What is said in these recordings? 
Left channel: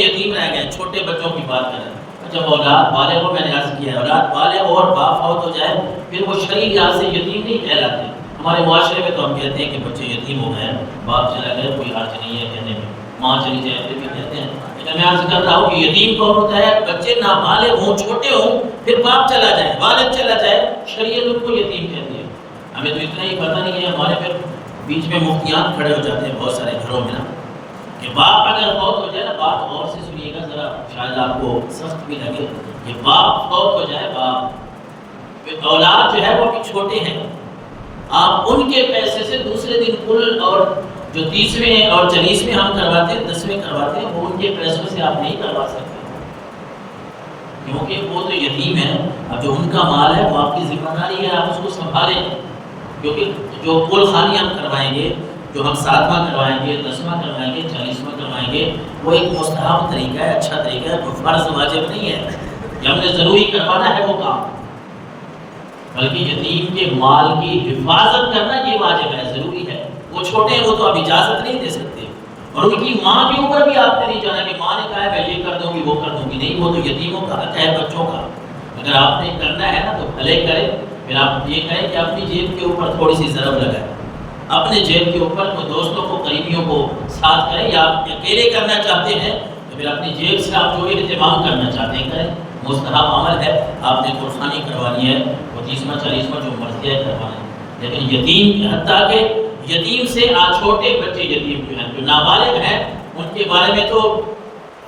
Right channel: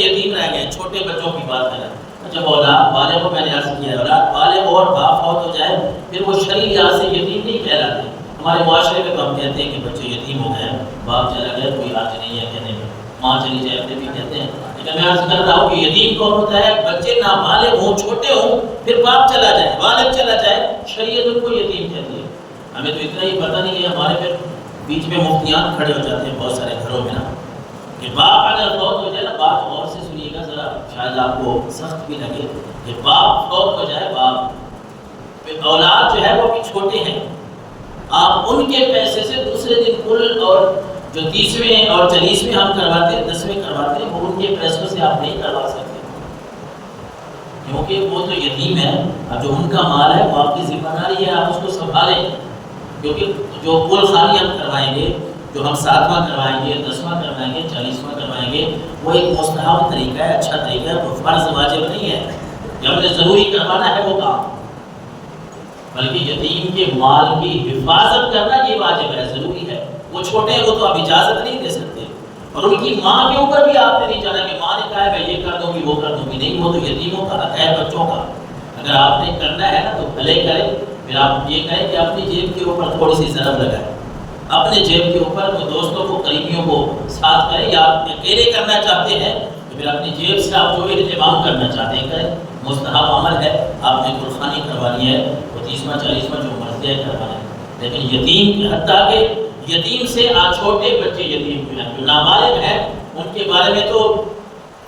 یتیم رہ گئے، چھوٹے بچوں کی بات کریں، جب اولاد بالغ ہو، میں نے عرض کیا ہے اولاد بالغ ہو اور باپ فوت ہو جائے پھر وہ شرعی لحاظ سے یتیم نہیں کہلاتے۔ ہمارے معاشرے میں تو ہم کہتے ہیں کہ بچے یتیم ہو گئے، باپ چلا گیا، کوئی حرج نہیں ہے کہنے میں، ماں چلی جائے پھر بھی کہتے ہیں، لیکن میں عرض کر رہا ہوں کہ یتیم کون ہوتا ہے؟ بچے نابالغ ہوں، چھوٹے ہوں، پھر باپ چلا جائے، والد چلا جائے، شریعت ان کو یتیم کہتی ہے۔ ہمیں تو اتنا ہی پتہ نہیں ہے، ہمارے پھر بیچ میں مفتیان کھڑے ہو جاتے ہیں بہت سارے گھروں میں نا، کہ باپ اگر فوت ہو جائے نا، بات غور سے سنیے گا ذرا، شاید آپ کو سخت بھی لگے، کہ باپ فوت ہو جائے، باپ، اولاد جو ہے وہ بھی چھوٹے ہیں، آپ ان کے پیسے سے دوسرے دن کل اور جو 30ویں اور 40ویں ہم کرواتے ہیں، 10ویں کرواتے ہیں، وہ ان کے پیسوں سے آپ نہیں کروا سکتے، کیونکہ وہ تو یتیم ہے۔ اب جو ان کا مال ہے وہ آپ کی ذمہ داری ہے، آپ اس کو سنبھالیں، کیونکہ جو کل خانی ہم کروائیں گے، جو ہم 7واں کروائیں گے، 10واں کروائیں گے، 40واں کروائیں گے، وہ ایک مستحب طریقہ ہے، اچھا طریقہ ہے، فرض واجب نہیں ہے کہ ہم نے ضروری کروانا ہے وہ کام، بلکہ یتیم کے مال کی حفاظت کرنا یہ واجب ہے، ضروری ہے۔ وہ چھوٹے ہیں، وہ تو آپ اجازت نہیں دے سکتے، اور ان کی ماں کے اوپر بھی آپ نے نہیں جانا کہ ماں نے کہا ہے میں یہ کر دوں گی وہ کر دوں گی، نہیں، وہ تو یتیموں کا حق ہے، بچوں کا۔ اگر آپ نے کرنا ہے نا تو بھلے کریں، پھر آپ یہ کہیں کہ اپنی جیب کے اوپر تھوڑی سی ضرب لگائیں، اپنے جیب کے اوپر کوئی دوستوں کو، قریبیوں کو ساتھ کریں، یا آپ اکیلے کرنا چاہتے ہیں تو پھر اپنی جیب سے آپ جو اہتمام کرنا چاہتے ہیں کریں، مستحب عمل ہے، آپ نے قربانی کروانی ہے، وہ 30واں 40واں جو مرضی ہے کروانا ہے، لیکن یتیم، حتیٰ کہ یتیم سے چھوٹے بچے یتیم جو ہیں، جو نابالغ ہیں، ان کے بارے میں تو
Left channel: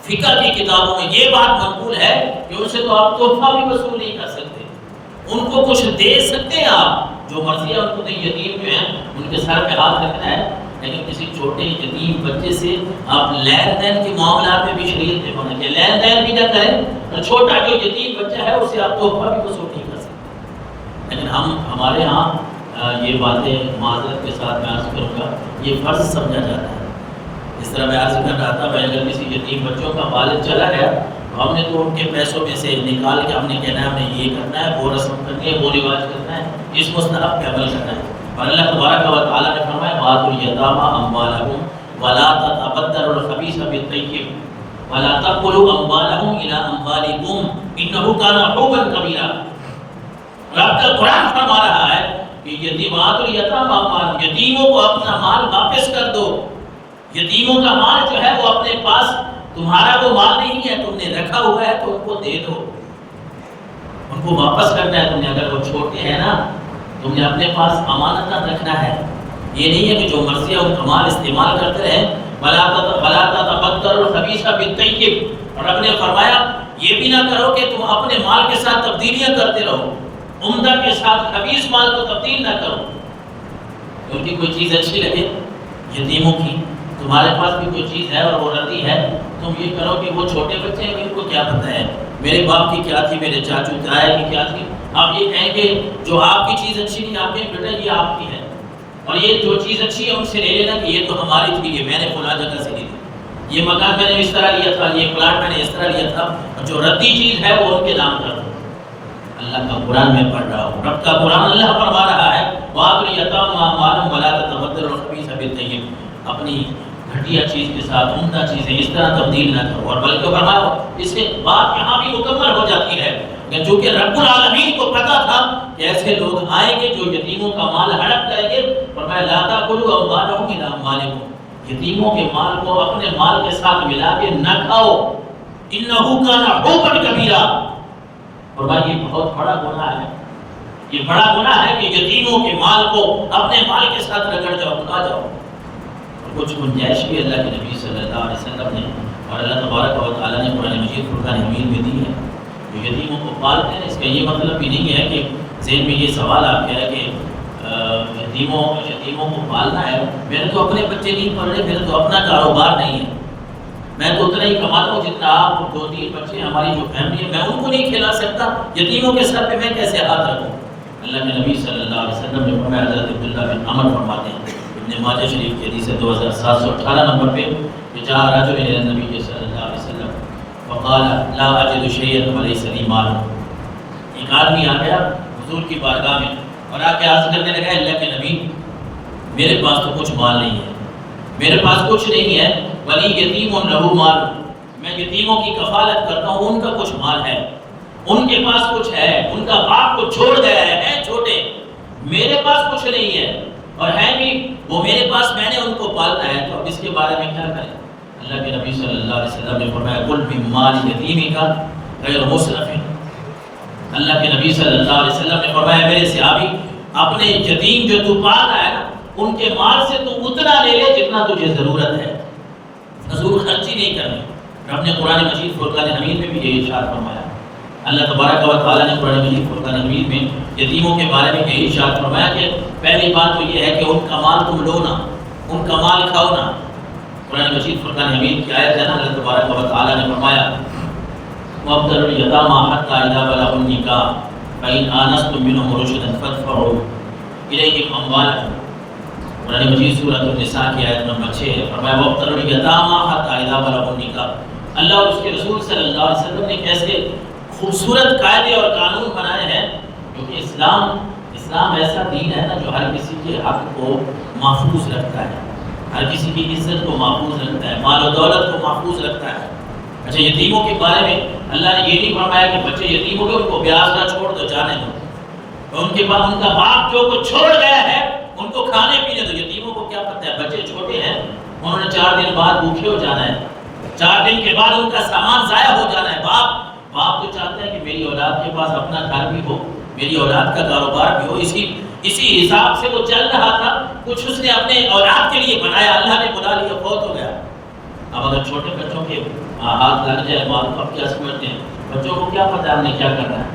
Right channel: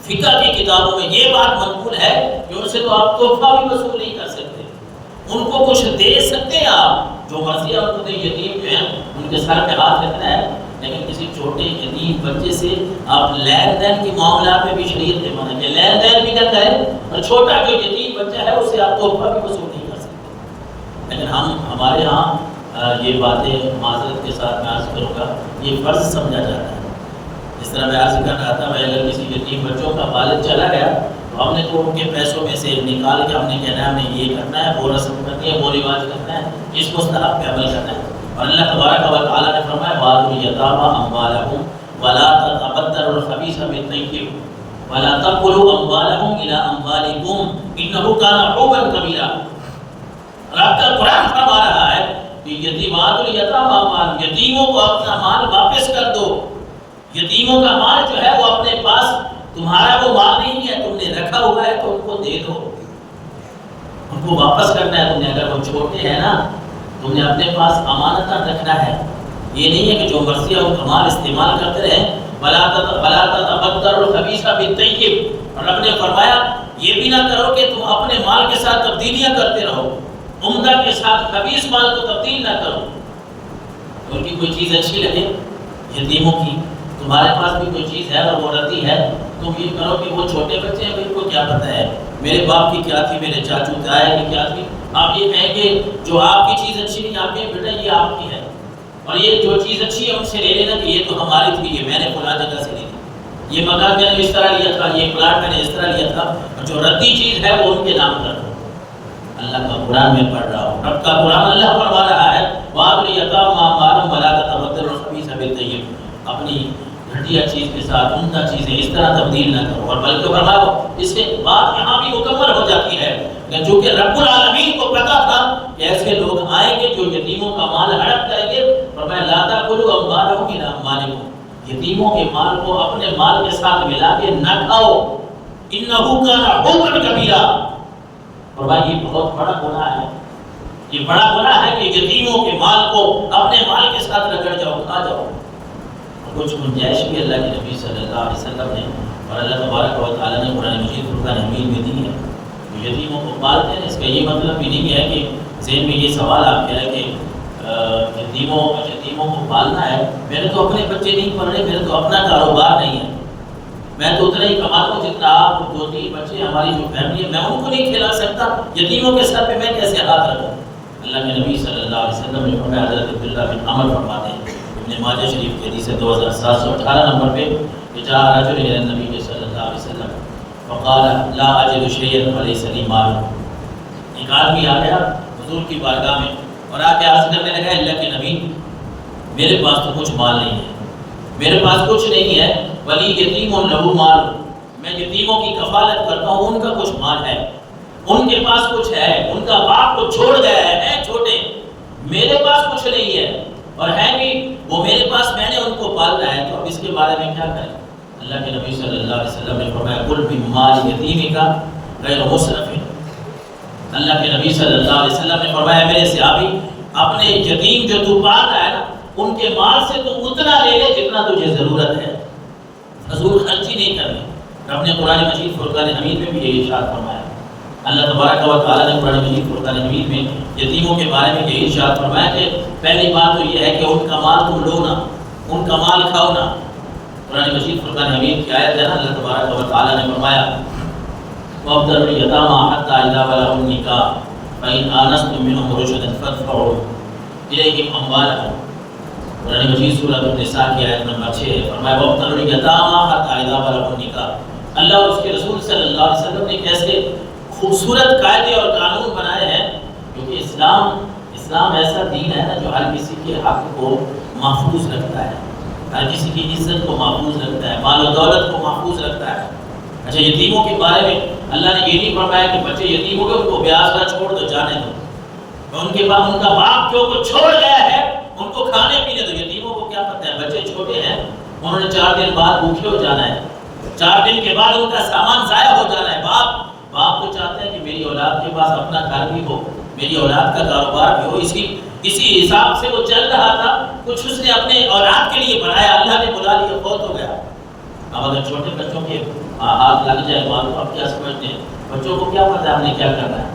فقہ کی کتابوں میں یہ بات منقول ہے کہ ان سے تو آپ تحفہ بھی وصول نہیں کر سکتے، ان کو کچھ دے سکتے ہیں آپ، جو مرضی ہے ان کو، یتیم جو ہیں ان کے سر پہ ہاتھ رکھنا ہے، لیکن کسی چھوٹے یتیم بچے سے آپ لین دین کے معاملات میں بھی شریعت نے منع کیا، لین دین بھی نہ کریں، اور چھوٹا جو یتیم بچہ ہے اسے آپ تحفہ بھی وصول نہیں کر سکتے۔ لیکن ہمارے ہاں یہ باتیں معذرت کے ساتھ میں عرض کروں گا، یہ فرض سمجھا جاتا ہے۔ اس طرح میں عرض کر رہا تھا، میں اگر کسی یتیم بچوں کا والد چلا گیا تو ہم نے تو ان کے پیسوں میں سے نکال کے ہم نے کہنا ہے ہمیں یہ کرنا ہے، وہ رسم کرنی ہے، وہ رواج کرنا ہے، اس مستحب پہ عمل کرنا ہے۔ اور اللہ تبارک و تعالیٰ نے فرمایا وَآتُوا الْيَتَامَىٰ أَمْوَالَهُمْ وَلَا تَتَبَدَّلُوا الْخَبِيثَ بِالطَّيِّبِ وَلَا تَأْكُلُوا أَمْوَالَهُمْ إِلَىٰ أَمْوَالِكُمْ إِنَّهُ كَانَ حُوبًا كَبِيرًا۔ رب کا قرآن فرما رہا ہے کہ یتیمات الیتامى، یتیموں کو اپنا مال واپس کر دو، یتیموں کا مال جو ہے وہ اپنے پاس، تمہارا وہ مال نہیں ہے، تم نے رکھا ہوا ہے تو ان کو دے دو، ان کو واپس کرنا ہے تم نے، اگر وہ چھوٹے ہیں نا تم نے اپنے پاس امانت رکھنا ہے، یہ نہیں ہے کہ جو مرضی ہے ان کا مال استعمال کرتے رہیں۔ وَلَا تَتَبَدَّلُوا الْخَبِيثَ بِالطَّيِّبِ، رب نے فرمایا یہ بھی نہ کرو کہ تم اپنے مال کے ساتھ تبدیلیاں کرتے رہو، عمدہ کے ساتھ خبیث مال کو تبدیل نہ کرو، ان کی کوئی چیز اچھی لگے یتیموں کی، تمہارے پاس بھی کوئی چیز ہے اور وہ ردی ہے، تم یہ کرو کہ وہ چھوٹے بچے ہیں ان کو کیا پتہ ہے میرے باپ کی کیا تھی، میرے چاچو تایا کی کیا تھی، آپ یہ کہیں کہ جو آپ کی چیز اچھی نہیں، آپ کہیں بیٹا یہ آپ کی ہے، اور یہ جو چیز اچھی ہے ان سے لے لینا کہ یہ تو ہماری تھی، یہ میں نے فلاں جگہ سے لی تھی، یہ مکان میں نے اس طرح لیا تھا، یہ پلاٹ میں نے اس طرح لیا تھا، اور جو ردی چیز ہے وہ ان کے نام کر دو۔ اللہ کا قرآن میں پڑھ رہا ہوں، رب کا قرآن اللہ فرما رہا ہے وَآتُوا الْيَتَامَىٰ أَمْوَالَهُمْ وَلَا تَتَبَدَّلُوا الْخَبِيثَ بِالطَّيِّبِ، اپنی گھٹیا چیز کے ساتھ عمدہ چیزیں اس طرح تبدیل نہ کرو، اور بلکہ فرمایا اس کے بعد یہاں بھی مکمل ہو جاتی ہے کہ چونکہ رب العالمین کو پتا تھا کہ ایسے لوگ آئیں گے جو یتیموں کا مال ہڑپ کریں گے، فرمایا لَا تَأْكُلُوا أَمْوَالَهُمْ إِلَىٰ أَمْوَالِكُمْ، یتیموں کے مال کو اپنے مال کے ساتھ ملا کے نہ کھاؤ، إِنَّهُ كَانَ حُوبًا كَبِيرًا، فرمایا یہ بہت بڑا گناہ ہے، یہ بڑا گناہ ہے کہ یتیموں کے مال کو اپنے مال کے ساتھ رگڑ جاؤ، کھا جاؤ۔ اور کچھ گنجائش بھی اللہ کے نبی صلی اللہ علیہ وسلم نے اور اللہ تبارک و تعالیٰ نے قرآن مجید فرقان حمید میں دی ہے، جو یتیموں کو پالتے ہیں، اس کا یہ مطلب بھی نہیں ہے کہ ذہن میں یہ سوال آپ کیا ہے کہ یتیموں کو پالنا ہے، میرے تو اپنے بچے نہیں پڑھ رہے، میرے تو اپنا کاروبار نہیں ہے، میں تو اتنا ہی کماتا ہوں جتنا آپ 2-3 بچے ہماری جو فیملی ہے میں ان کو نہیں کھلا سکتا، یتیموں کے سر پہ میں کیسے ہاتھ رکھوں؟ اللہ کے نبی صلی اللہ علیہ وسلم نے فرمایا، حضرت عبداللہ بن عمر فرماتے ہیں ابن ماجہ شریف کے حدیث 2718 نمبر پہ کہ جاء رجل الی النبی صلی اللہ علیہ وسلم فقال لا اجد شیئا ولیس لی مال، ایک آدمی آ گیا حضور کی بارگاہ میں اور آ کے عرض کرنے لگا اللہ کے نبی میرے پاس تو کچھ مال نہیں ہے، میرے پاس کچھ نہیں ہے، ولی یتیم لہ مال، میں یتیموں کی کفالت کرتا ہوں، ان کا کچھ مال ہے، ان کے پاس کچھ ہے، ان کا باپ کو چھوڑ گیا ہے چھوٹے، میرے پاس کچھ نہیں ہے اور ہے بھی وہ میرے پاس، میں نے ان کو پالنا ہے، تو اب اس کے بارے میں کیا کریں؟ اللہ کے نبی صلی اللہ علیہ وسلم نے فرمایا کل من مال یتیم کا غیر مسرف۔ اللہ کے نبی صلی اللہ علیہ وسلم نے فرمایا میرے صحابی، اپنے یتیم جو تو پال رہا ہے نا، ان کے مال سے تو اتنا لے لے جتنا تجھے ضرورت ہے، فضول خرچی نہیں کرنی۔ رب نے قرآن مجید فرقان حمید میں بھی یہی ارشاد فرمایا۔ اللہ تبارک و تعالیٰ نے قرآن مجید فرقان حمید میں یتیموں کے بارے میں یہی ارشاد فرمایا کہ پہلی بات تو یہ ہے کہ ان کا مال تم لو نہ، ان کا مال کھاؤ نہ۔ قرآن مجید فرقان حمید کی آیت ہے نا، اللہ تبارک و تعالیٰ نے فرمایا وَابْتَلُوا الْيَتَامَىٰ حَتَّىٰ إِذَا بَلَغُوا النِّكَاحَ فَإِنْ آنَسْتُم مِّنْهُمْ رُشْدًا فَادْفَعُوا إِلَيْهِمْ أَمْوَالَهُمْ۔ قرآن مجید سورۃ النساء کی آیت نمبر 6 ہے، فرمایا وَابْتَلُوا الْيَتَامَىٰ حَتَّىٰ إِذَا بَلَغُوا النِّكَاحَ۔ اللہ اور اس کے رسول صلی اللہ علیہ وسلم نے کیسے خوبصورت قاعدے اور قانون بنائے ہیں، کیونکہ اسلام ایسا دین ہے نا جو ہر کسی کے حق کو محفوظ رکھتا ہے، ہر کسی کی عزت کو محفوظ رکھتا ہے، مال و دولت کو محفوظ رکھتا ہے۔ اچھا یتیموں کے بارے میں اللہ نے یہ نہیں فرمایا کہ بچے یتیم ہو گئے ان کو بیاس نہ چھوڑ دو، جانے دو، ان کے بعد ان کا باپ جو کچھ چھوڑ گیا ہے ان کو کھانے پینے دو۔ یتیموں کو کیا پتہ ہے، بچے چھوٹے ہیں، انہوں نے 4 دن بعد بھوکے ہو جانا ہے، 4 دن کے بعد ان کا سامان ضائع ہو جانا ہے۔ باپ تو چاہتے ہیں کہ میری اولاد کے پاس اپنا گھر بھی ہو، میری اولاد کا کاروبار بھی ہو، اسی حساب سے وہ چل رہا تھا، کچھ اس نے اپنے اولاد کے لیے بنایا، اللہ نے بلا لیا، فوت ہو گیا۔ اب اگر چھوٹے بچوں کے ہاتھ لگ جائے تو آپ کیا سمجھتے ہیں؟ بچوں کو کیا پتہ ہم نے کیا کرنا ہے؟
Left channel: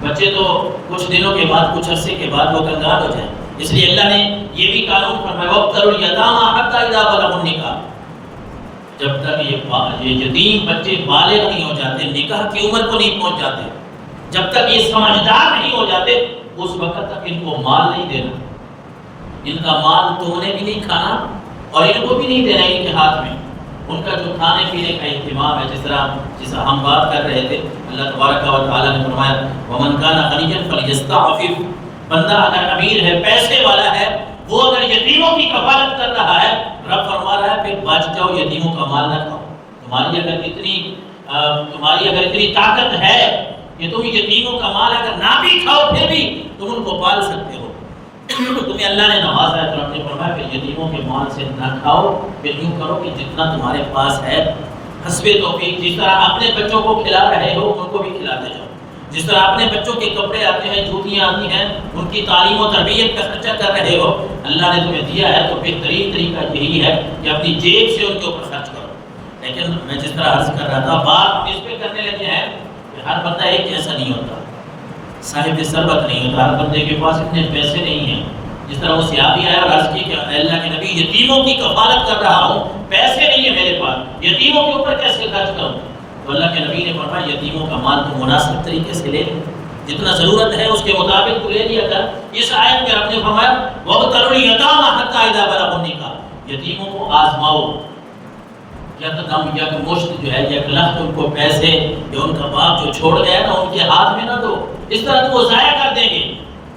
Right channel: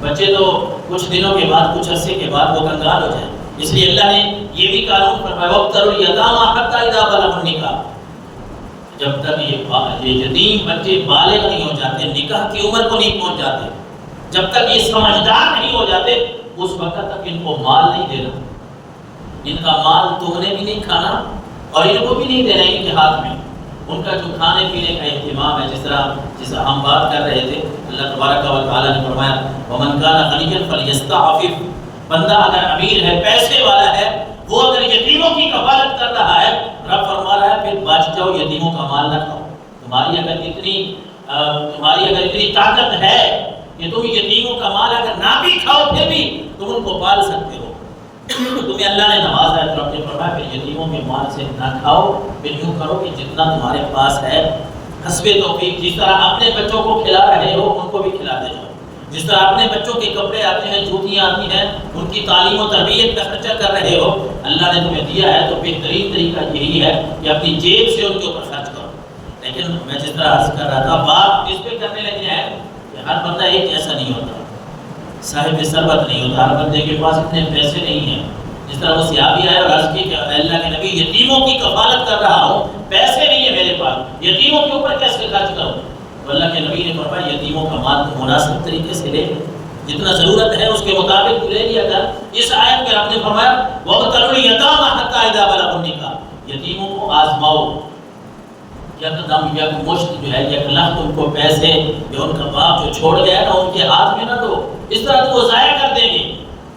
بچے تو کچھ دنوں کے بعد، کچھ عرصے کے بعد وہ کنگال ہو جائیں۔ اس لیے اللہ نے یہ بھی قانون فرمایا وَابْتَلُوا الْيَتَامَىٰ حَتَّىٰ إِذَا بَلَغُوا النِّكَاحَ۔ جب تک یہ یتیم بچے بالغ نہیں ہو جاتے، نکاح کی عمر کو نہیں پہنچ جاتے، جب تک یہ سمجھدار نہیں ہو جاتے، اس وقت تک ان کو مال نہیں دینا۔ ان کا مال تم نے بھی نہیں کھانا اور ان کو بھی نہیں دینا ان کے ہاتھ میں۔ ان کا جو کھانے پینے کا اہتمام ہے، جس طرح ہم بات کر رہے تھے، اللہ تبارک و تعالیٰ نے فرمایا وَمَنْ كَانَ غَنِيًّا فَلْيَسْتَعْفِفْ۔ بندہ اگر امیر ہے، پیسے والا ہے، وہ اگر یتیموں کی کفالت کر رہا ہے، رب فرما رہا ہے پھر بچ جاؤ، یتیموں کا مال نہ کھاؤ۔ تمہاری اگر اتنی طاقت ہے کہ تم یتیموں کا مال اگر نہ بھی کھاؤ پھر بھی تم ان کو پال سکتے ہو، تمہیں اللہ نے نوازا ہے، تو رب نے فرمایا پھر یتیموں کے مال سے نہ کھاؤ، پھر یوں کرو کہ جتنا تمہارے پاس ہے حسب توفیق، جس طرح اپنے بچوں کو کھلا رہے ہو ان کو بھی کھلاتے جاؤ، جس طرح اپنے بچوں کے کپڑے آتے ہیں، جوتیاں آتی ہیں، ان کی تعلیم و تربیت کا خرچہ کر رہے ہو، اللہ نے تمہیں دیا ہے تو بہترین طریقہ یہی ہے کہ اپنی جیب سے ان کے اوپر خرچ کرو۔ لیکن میں جس طرح عرض کر رہا تھا، بات اس پہ کرنے لگے ہیں کہ ہر بندہ ایک جیسا نہیں ہوتا، صاحب ثروت نہیں ہوتا، ہر بندے کے پاس اتنے پیسے نہیں ہیں۔ جس طرح وہ صحابی آئے اور عرض کی کہ اللہ کے نبی یتیموں کی کفالت کر رہا ہوں، پیسے نہیں ہے میرے پاس، یتیموں کے اوپر کیسے خرچ کروں؟ تو اللہ کے نبی نے فرمایا یتیموں کا مال تو مناسب طریقے سے لے، جتنا ضرورت ہے اس کے مطابق تو لے لیا کر۔ اس آیت میں آپ نے فرمایا وَابْتَلُوا الْيَتَامَىٰ حَتَّىٰ إِذَا بَلَغُوا النِّكَاحَ، یتیموں کو آزماؤ، یک مشت جو ہے، یک لخت ان کو پیسے یا ان کا باپ جو چھوڑ گیا نا ان کے ہاتھ میں نہ دو، اس طرح تو وہ ضائع کر دیں گے۔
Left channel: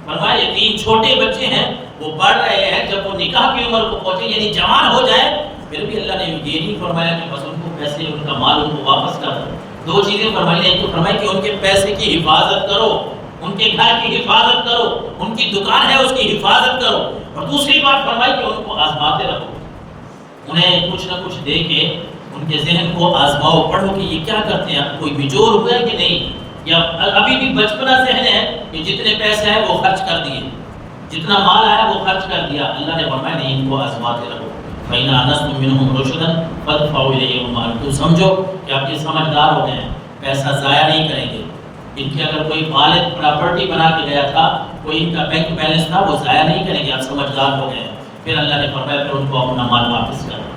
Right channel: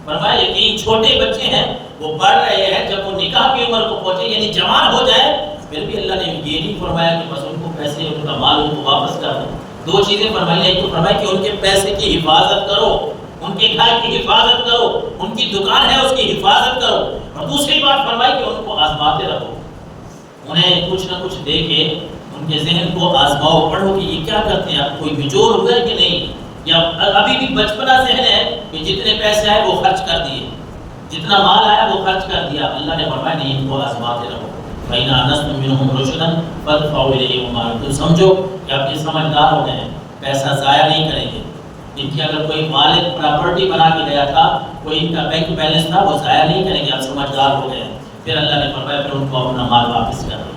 فرمایا یتیم چھوٹے بچے ہیں، وہ بڑھ رہے ہیں، جب وہ نکاح کی عمر کو پہنچے یعنی جوان ہو جائے، پھر بھی اللہ نے یہ نہیں فرمایا کہ بس ان کو پیسے، ان کا مال ان کو واپس کر دو۔ 2 چیزیں فرمائی، ایک تو فرمائی کہ ان کے پیسے کی حفاظت کرو، ان کے گھر کی حفاظت کرو، ان کی دکان ہے اس کی حفاظت کرو، اور دوسری بات فرمائی کہ ان کو آزماتے رہو، انہیں کچھ نہ کچھ دے کے ان کے ذہن کو آزماؤ، پڑھو کہ یہ کیا کرتے ہیں، کوئی بجور ہوا ہے کہ نہیں، یا ابھی بھی بچپنا ذہن ہے کہ جتنے پیسے آئے وہ خرچ کر دیے، جتنا مال آیا وہ خرچ کر دیا۔ اللہ نے فرمایا نہیں، ان کو آزماتے رہو۔ فَإِنْ آنَسْتُم مِّنْهُمْ رُشْدًا فَادْفَعُوا إِلَيْهِمْ أَمْوَالَهُمْ، تم سمجھو کہ آپ یہ سمجھدار ہو گئے ہیں، پیسہ ضائع نہیں کریں گے۔ ان کی اگر کوئی والد پراپرٹی بنا کے گیا تھا، کوئی ان کا بینک بیلنس تھا، وہ ضائع نہیں کریں گے، آپ سمجھدار ہو گئے ہیں۔ پھر اللہ نے فرمایا پھر ان کو اپنا مال واپس کرنا۔